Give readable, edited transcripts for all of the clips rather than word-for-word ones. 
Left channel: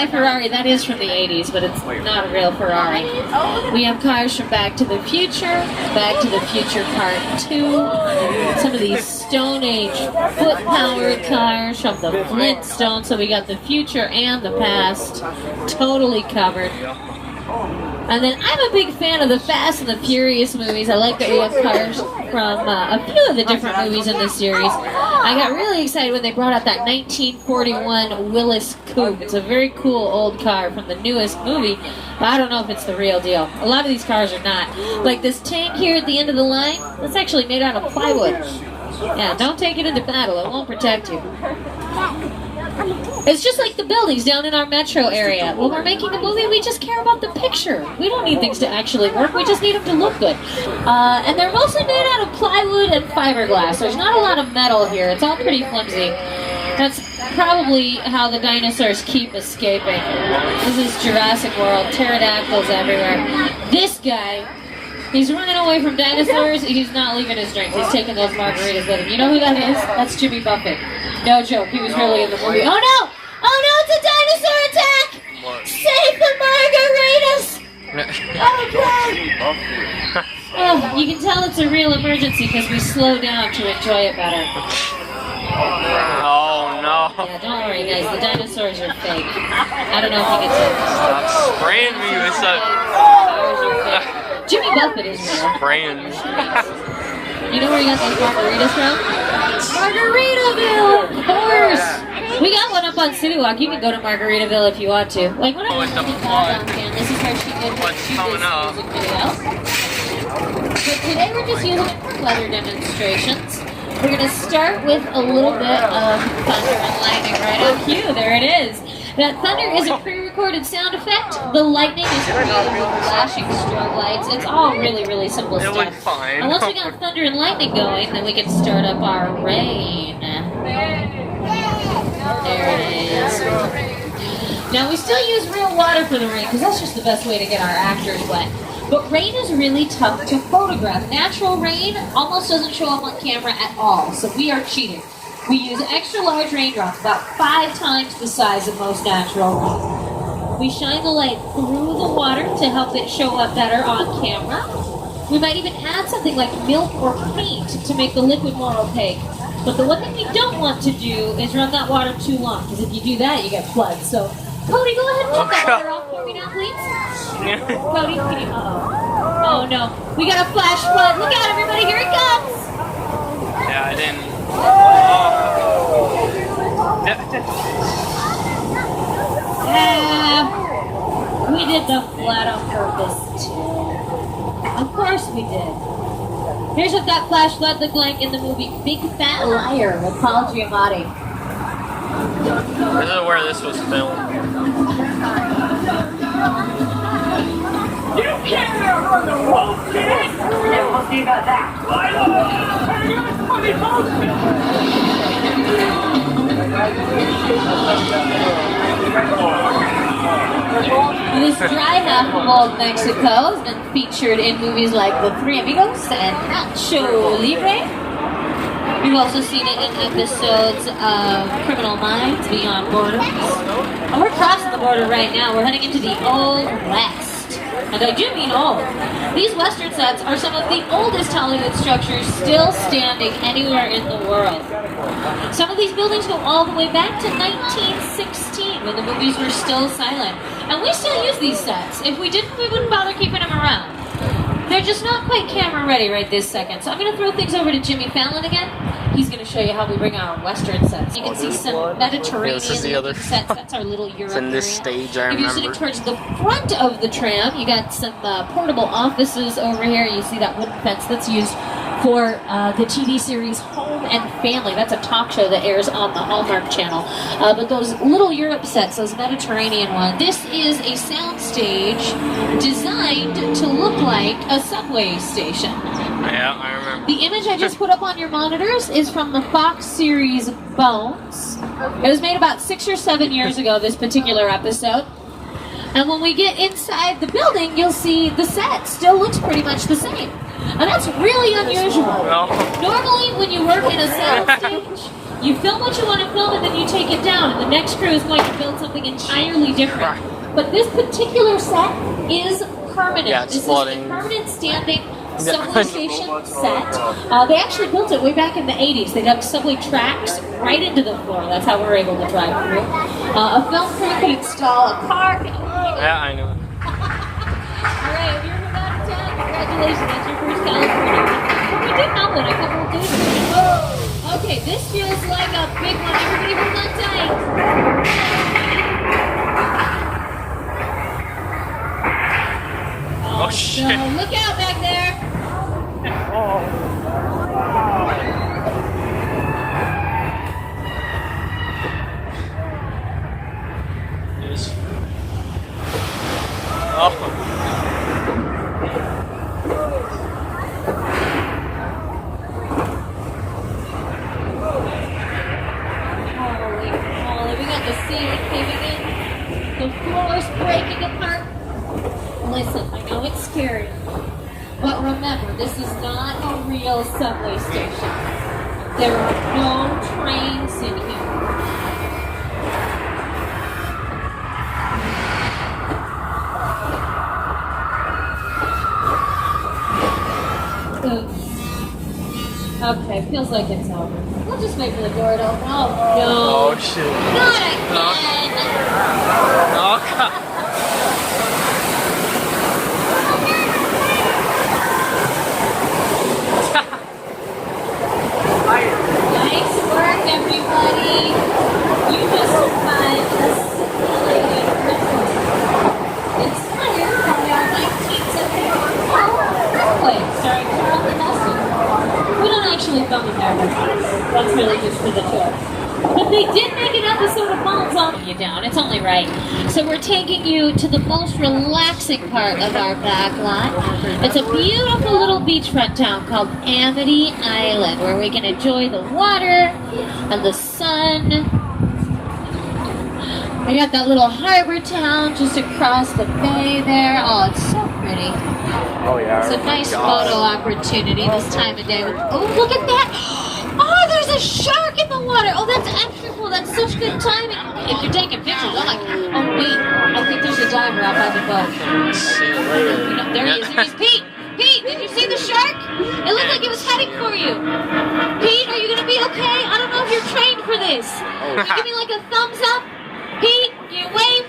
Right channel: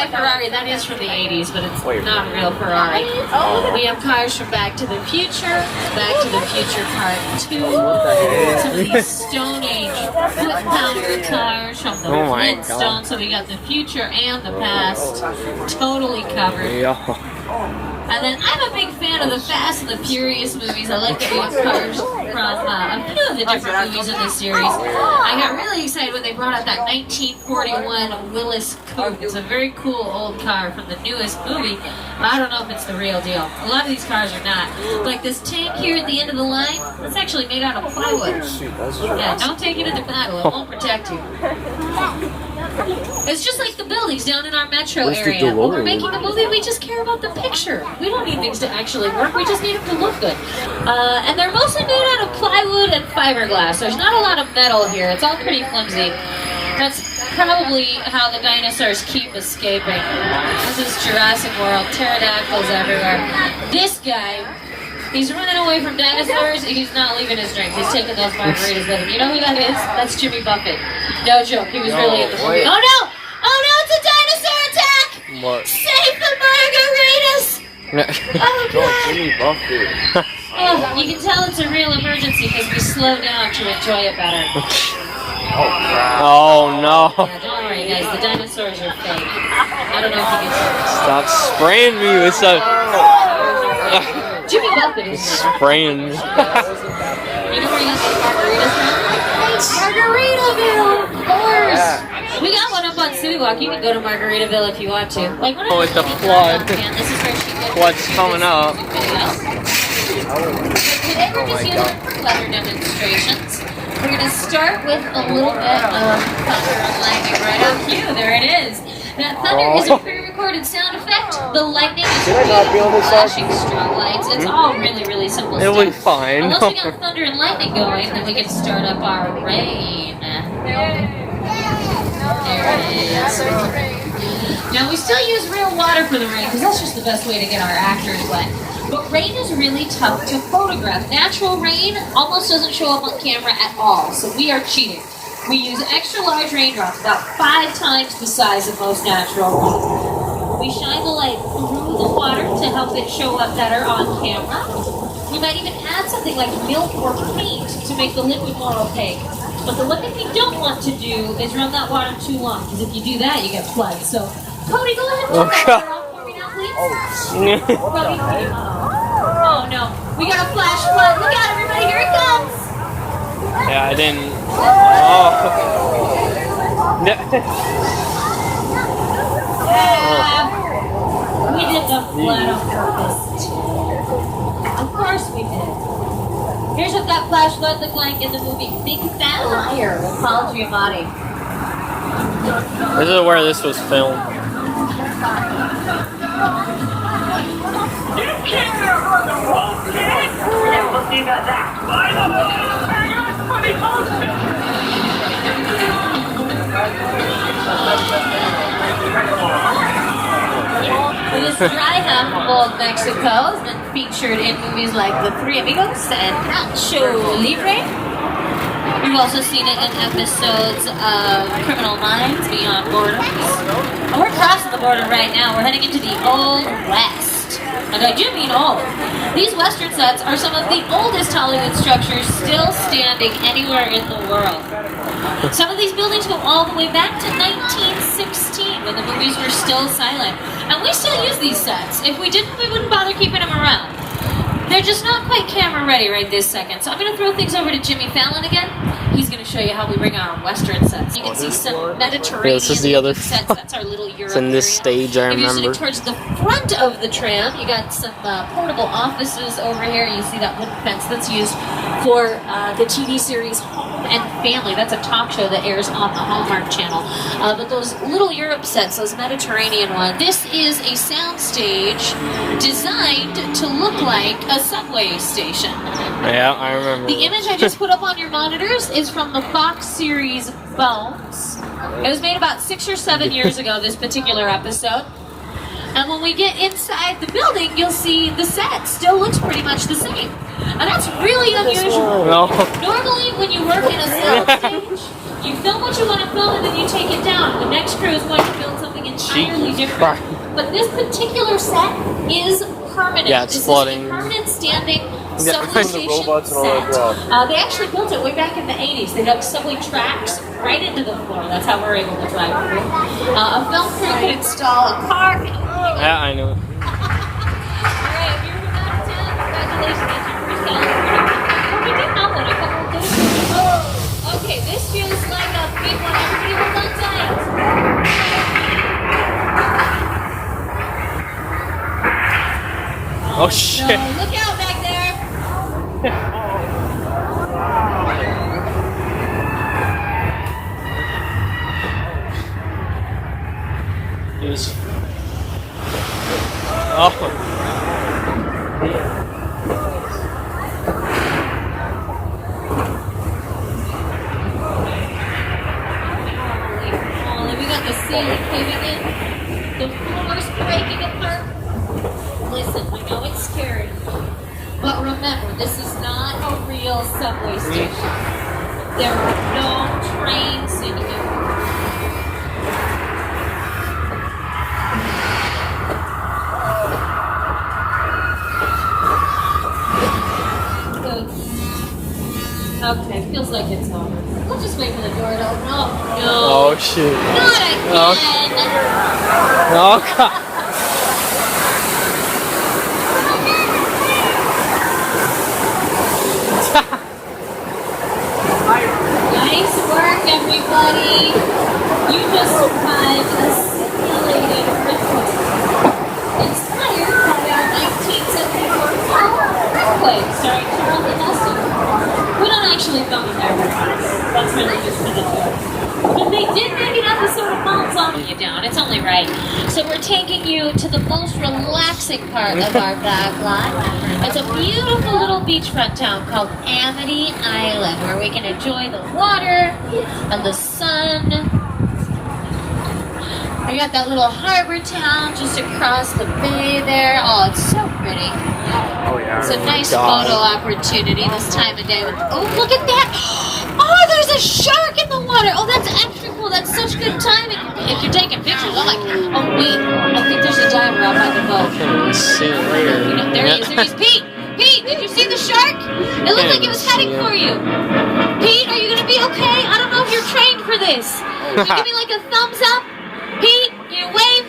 fly Ferrari, that is from the 80s, but it's not a real Ferrari. We have cars from Back to the Future, Back to the Future Part 2, some of these Stone Age foot-powered cars from the Flintstones, so we got the future and the past totally covered. And then I'm a big fan of the Fast and the Furious movies. I like that we have cars from a few of the different movies in this series. I got really excited when they brought out that 1941 Willis Coupe. It's a very cool old car from the newest movie, but I don't know if it's the real deal. A lot of these cars are not. Like this tank here at the end of the line, that's actually made out of plywood. Yeah, don't take it into battle. It won't protect you. It's just like the buildings down in our metro area. When we're making a movie, we just care about the picture. We don't need things to actually work. We just need them to look good. And they're mostly made out of plywood and fiberglass. There's not a lot of metal here. It's all pretty flimsy. That's probably how the dinosaurs keep escaping. This is Jurassic World. Pterodactyls everywhere. This guy, he's running away from dinosaurs. He's not leaving his drink. He's taking those margaritas with him. You know who that is? That's Jimmy Buffett. No joke. He was really in the movie. Oh no! Oh no! It's a dinosaur attack! What? Save the margaritas! Oh god! Jimmy Buffett. Oh, you can tell it's a real emergency because we slow down to enjoy it better. Oh no! Yeah, don't worry, guys. The dinosaurs are fake. I don't know if you can see this. Stop spraying me with so. Jimmy Buffett is there. Spraying me. You know where you got those margaritas from? Margaritaville, of course. We got one up on City Walk. You can go to Margaritaville if you want to. Like, what Oh, it's a flood. And this is where she lives. What's coming up? So today we're just using it for weather demonstrations. We're going to start with a little bit of thunder and lightning right on cue. There it is. That thunder is a pre-recorded sound effect. The lightning is flashing strobe lights. It's all really, really simple stuff. It'll be fine. Unless we got thunder and lightning going, then we can start up our rain. There it is. Now we still use real water for the rain because that's just the best way to get our actors wet. But rain is really tough to photograph. Natural rain almost doesn't show up on camera at all, so we are cheating. We use extra large raindrops, about 5 times the size of most natural rain. We shine the light through the water to help it show up better on camera. We might even add something like milk or paint to make the liquid more opaque. But the one thing we don't want to do is run that water too long, because if you do that, you get floods. So, Cody, go ahead and turn that water off for me now, please. Cody, can you... Oh no, we got a flash flood. Look out, everybody, here it comes. Yeah, I didn't. Oh. We did the flood on purpose. Of course we did. Here's what that flash flood looked like in the movie Big Fat Liar with Paul Giamatti. This is where this was filmed. This dry half of old Mexico has been featured in movies like The Three Amigos and Nacho Libre. We've also seen it in episodes of Criminal Minds, Beyond Borders. And we're crossing the border right now. We're heading into the Old West. And I do mean old. These Western sets are some of the oldest Hollywood structures still standing anywhere in the world. Some of these buildings go all the way back to 1916 when the movies were still silent. And we still use these sets. If we didn't, we wouldn't bother keeping them around. They're just not quite camera ready right this second. So I'm going to throw things over to Jimmy Fallon again. He's going to show you how we bring our Western sets. You can see some Mediterranean this is the other sets. That's our little Europe It's in this area. stage, I If you're remember. sitting towards the front of the tram, you got some portable offices over here. You see that wooden fence that's used for the TV series Home and Family. That's a talk show that airs on the Hallmark Channel. But those little Europe sets, those Mediterranean ones, this is a soundstage designed to look like a subway station. Yeah, I remember. The image I just put up on your monitors is from the Fox series Bones. It was made about 6 or 7 years ago, this particular episode. And when we get inside the building, you'll see the set still looks pretty much the same. And that's really unusual. No. Normally, when you work in a soundstage, you film what you want to film and then you take it down. The next crew is going to build something entirely different. But this particular set is permanent. Yeah, it's this flooding. is a permanent standing Yeah, subway the station robots and all that set. stuff. They actually built it way back in the 80s. They dug subway tracks right into the floor. That's how we're able to drive through. A film crew could install a car. Yeah, I know. Alright, have you ever got to congratulations, that's your first California. Oh, we did have one, I couldn't do it. Okay, this feels like a big one. Everybody hold on tight. Oh, So, shit. look out back there. Jeez. Oh. Holy, we got the ceiling caving in. The floor's breaking apart. Listen, I know it's scary. But remember, this is not a real subway station. There are no trains in here. Okay, feels like it's over. We'll just wait for the door to open. Oh, Oh, shit. no. Not again. Oh, God. Nice work, everybody. You just survived a simulated earthquake. Inspired by our 1974 earthquake starring Charlton Heston. We don't actually film in there, everybody. That's really just for the tour. But they did make an episode of Bones on you down. It's only right. So we're taking you to the most relaxing part of our back lot. It's a beautiful little beachfront town called Amity Island, where we can enjoy the water and the sun. We got that little harbor town just across the bay there. Oh, it's so pretty. Oh, yeah. It's a nice God. photo opportunity this time of day. Oh, look at that! Oh, there's a shark in the water! Oh, that's extra cool. That's such good timing. If you're taking pictures, I'm like, oh, wait. I think there's a diver out by the boat. See you later. You know, there he is. There he is. Pete! Pete, did you see the shark? It looked like it was heading for you. Pete, are you going to be okay? I don't know if you're trained for this. Can you give me like a thumbs up? Pete, you wave?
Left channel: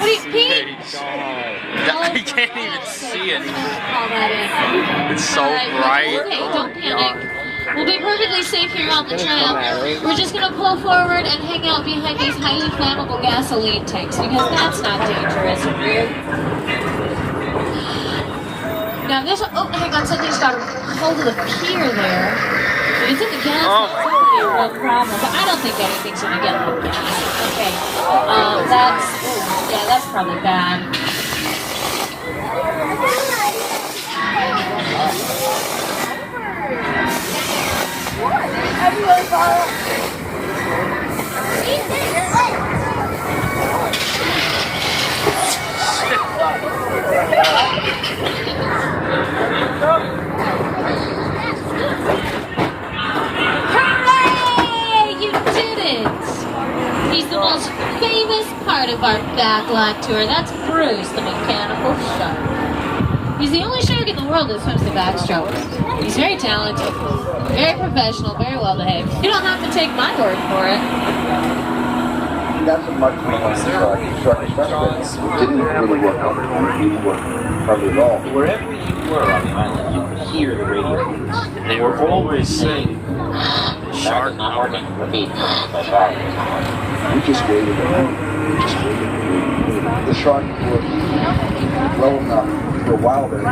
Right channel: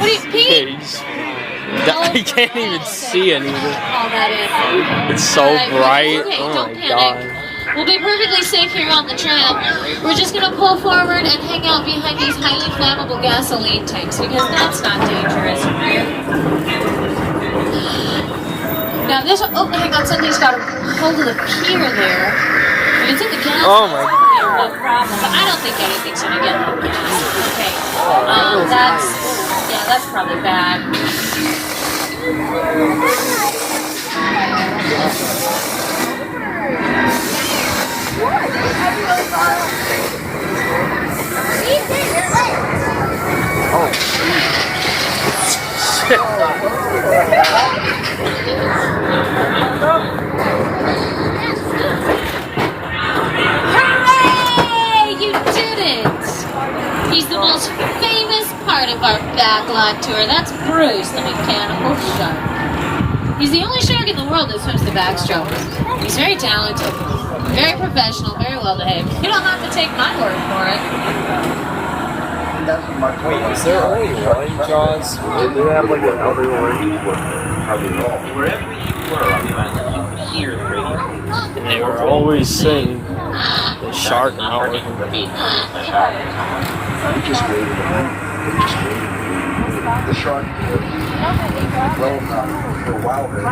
What do you, Pete? I can't even see anything. All that in. It's so Alright, bright. okay, Oh don't my panic. God. We'll be perfectly safe here on the tram. We're just going to pull forward and hang out behind these highly flammable gasoline tanks because that's not dangerous. Now this, oh, hang on, something's got a hold of the pier there. If it's in the gas, Oh my no problem. But I don't think anything's going to get in the gas. Okay. That's probably bad. Hooray! You did it! He's the most famous part of our backlot tour. That's Bruce, the mechanical shark. He's the only shark in the world that swims the backstroke. He's very talented, very professional, very well behaved. You don't have to take my word for it. Is there white jaws? Didn't you have like an outer warranty? Probably all. Wherever you were on the island, you hear the radio. They were always saying the shark hour. We just waited around. The shark was well enough for a while there. So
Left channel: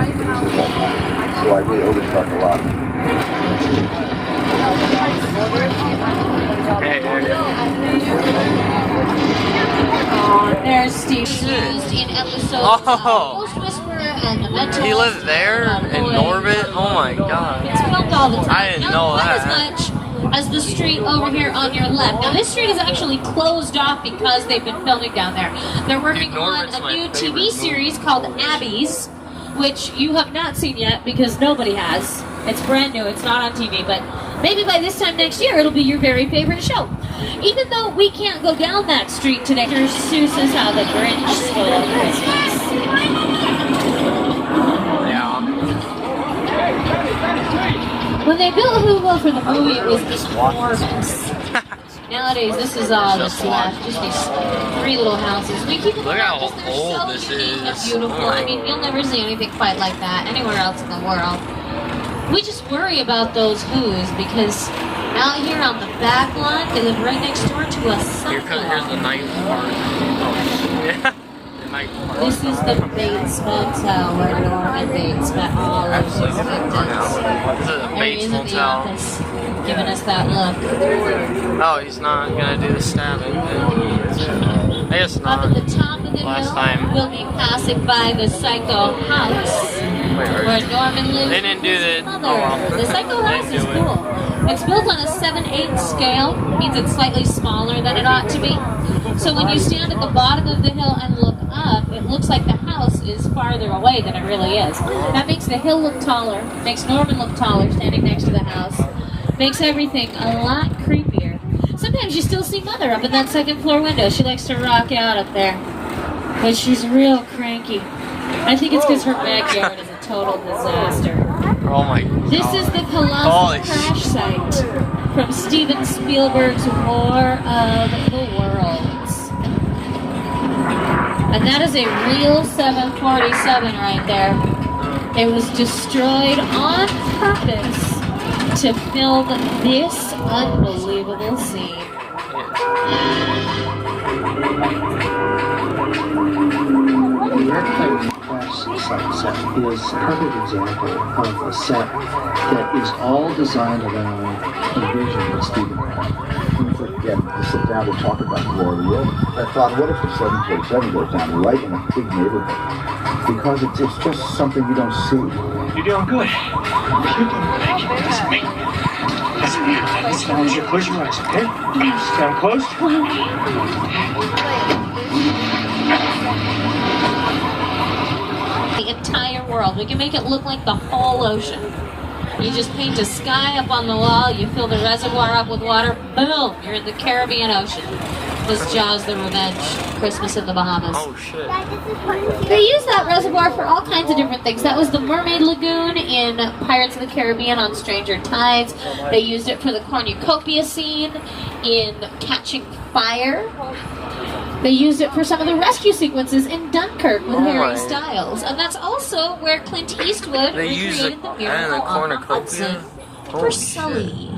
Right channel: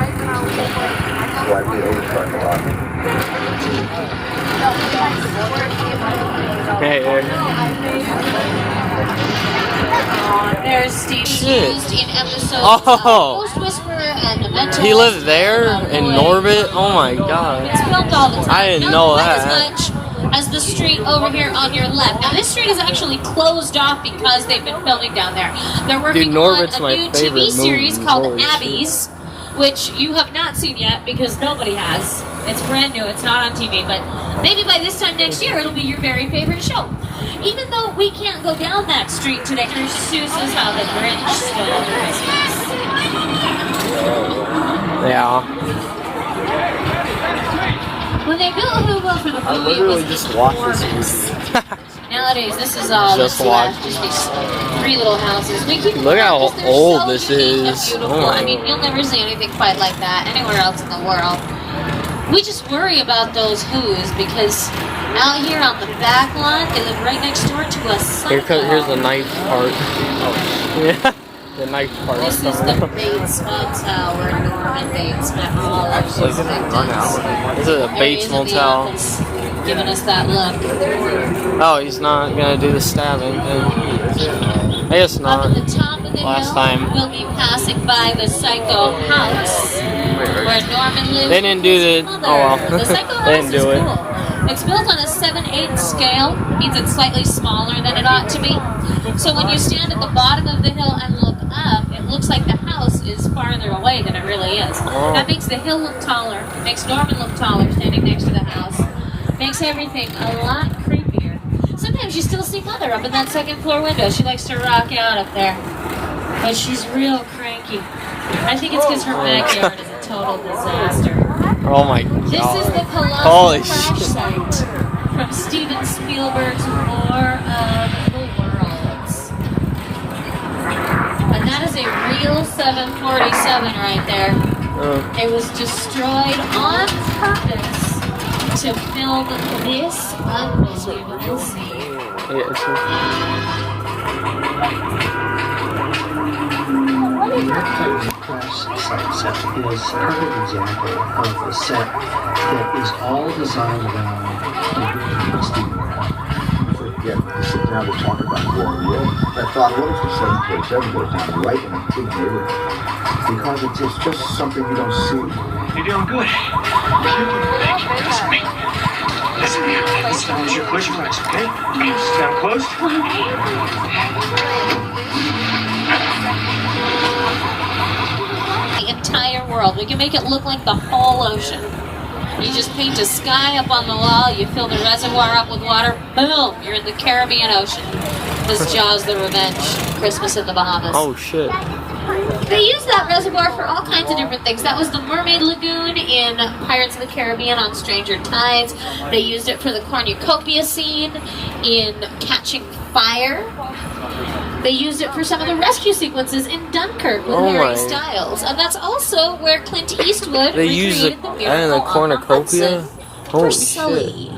I really overshark a lot. Hey, There's Steve used in episodes Oh. of Ghost Whisperer and The Mentalist. he lived there and in Boy. Norbit? Oh my God. It's filmed all the time. I didn't Not know quite that. as much as the street over here on your left. Now this street is actually closed off because they've been filming down there. They're working Dude, Norbit's on my a new favorite TV series movie. called Holy shit. Abby's, which you have not seen yet because nobody has. It's brand new. It's not on TV, but maybe by this time next year it'll be your very favorite show. Even though we can't go down that street today, here's Seuss's How the Grinch Stole Christmas. Yeah. When they built Whoville for the I movie, it literally was just watched enormous. this. Nowadays, this is all Just that's left. watched. Just these three little houses. We keep them Look how around because they're old so this unique and is. beautiful. Oh. I mean, you'll never see anything quite like that anywhere else in the world. We just worry about those Who's because out here on the back lot, they live right next door to a Psycho. Here's the night part. Oh, yeah. The night part. This is the Bates Motel where Norman Bates spent all of his Actually, victims. this is a There he Bates is in the Motel. office, giving us that look. Oh, he's not gonna do the stabbing. I guess Up not. at the top of the Last hill, time. we'll be passing by the Psycho house where Norman lives. They didn't do with his the- mother. oh, well. The Psycho They house didn't is do it. cool. It's built on a 7/8 scale, means it's slightly smaller than it ought to be. So when you stand at the bottom of the hill and look up, it looks like the house is farther away than it really is. That makes the hill look taller, makes Norman look taller standing next to the house, makes everything a lot creepier. Sometimes you still see Mother up in that second floor window. She likes to rock out up there. But she's real cranky. I think it's because her backyard is a total disaster. Oh my god. This is the Holy colossal crash shit. site from Steven Spielberg's War of the Worlds. And that is a real 747 right there. It was destroyed on purpose to film this unbelievable scene. Your crash site set is a perfect example of a set that is all designed around the vision of Steven. Again, to sit down and talk about War of the World, I thought, what if the 747 goes down right in a big neighborhood? Because it's just something you don't see. You're doing good. Thank you. Listen, this time is your push marks, okay? Stand close. The entire world. We can make it look like the whole ocean. You just paint a sky up on the wall, you fill the reservoir up with water, boom, you're in the Caribbean Ocean. This Jaws the Revenge, Christmas in the Bahamas. Oh shit. They use that reservoir for all kinds of different things. That was the Mermaid Lagoon in Pirates of the Caribbean on Stranger Tides. They used it for the cornucopia scene in Catching Fire. They used it for some of the rescue sequences in Dunkirk with Oh Harry my. Styles. And that's also where Clint Eastwood They use recreated it the and Miracle the on the cornucopia. Hudson for Holy Sully.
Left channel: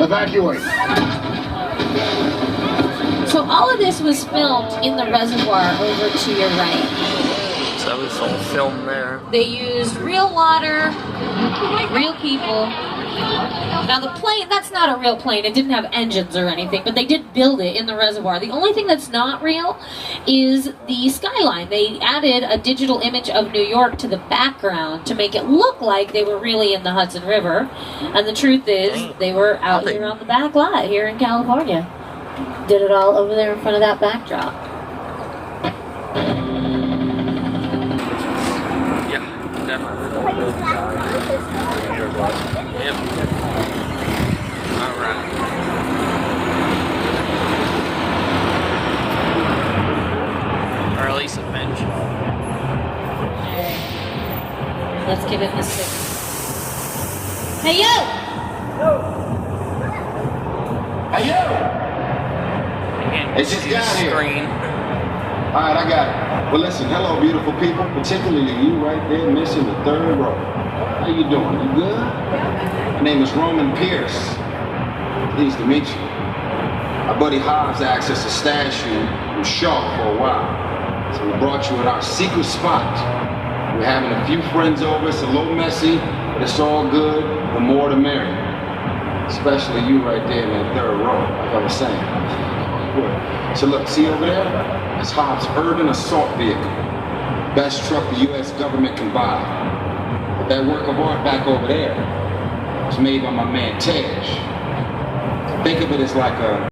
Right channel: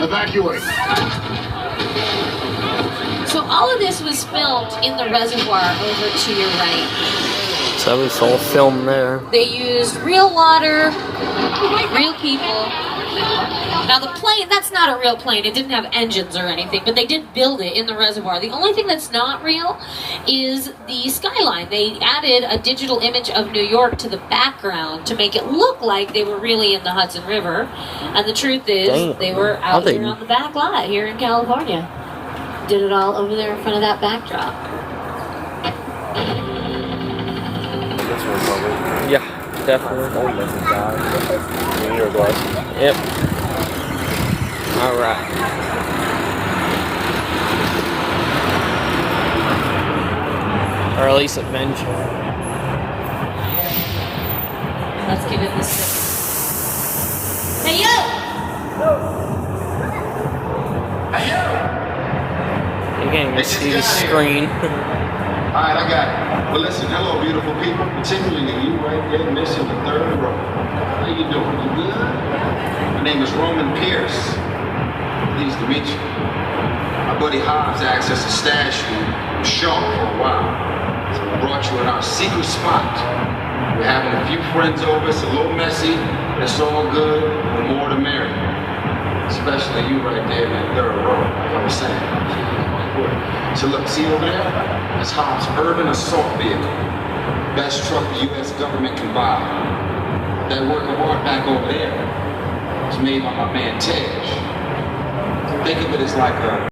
Evacuate. So all of this was filmed in the reservoir over to your right. So it's all filmed there. They used real water, real people. Now the plane, that's not a real plane. It didn't have engines or anything, but they did build it in the reservoir. The only thing that's not real is the skyline. They added a digital image of New York to the background to make it look like they were really in the Hudson River. And the truth is, Dang. they were out Nothing. here on the back lot here in California. Did it all over there in front of that backdrop. Yeah, definitely. Yep. Alright. Or at least adventure. Let's give it this. Hey you! You can't even It's just see the down here. screen. All right, I got it. Well, listen, hello, beautiful people, particularly you right there, missing the third row. How you doing? You good? My name is Roman Pierce. Pleased to meet you. My buddy Hobbs asked us to stash you in Shaw for a while. So we brought you in our secret spot. We're having a few friends over. It's a little messy. It's all good. The more the merrier. Especially you right there in that third row, like I was saying. So look, see over there? That's Hobbs' urban assault vehicle. Best truck the U.S. government can buy. That work of art back over there was made by my man Tej. Think of it as like a